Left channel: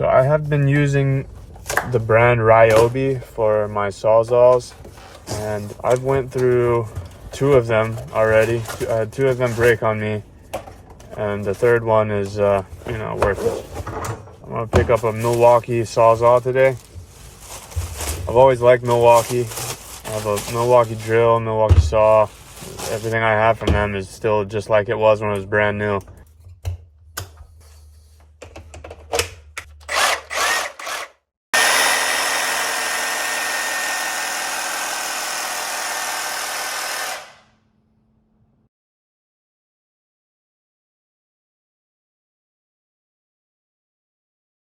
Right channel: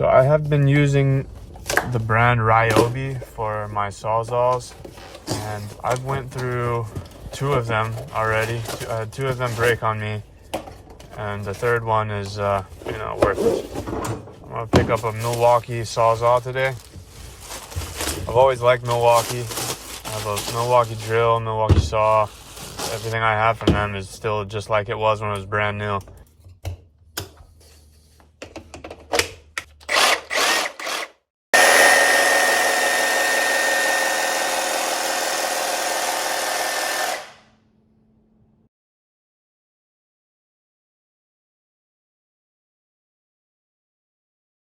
So I have been using the brand Ryobi for my Sawzalls, and I've went through 2 of them already. 2 of them break on me, and the 3rd one is worthless. I'm gonna pick up a Milwaukee Sawzall today. I've always liked Milwaukee. I have a Milwaukee drill, Milwaukee saw. Everything I have from them is still just like it was when it was brand new.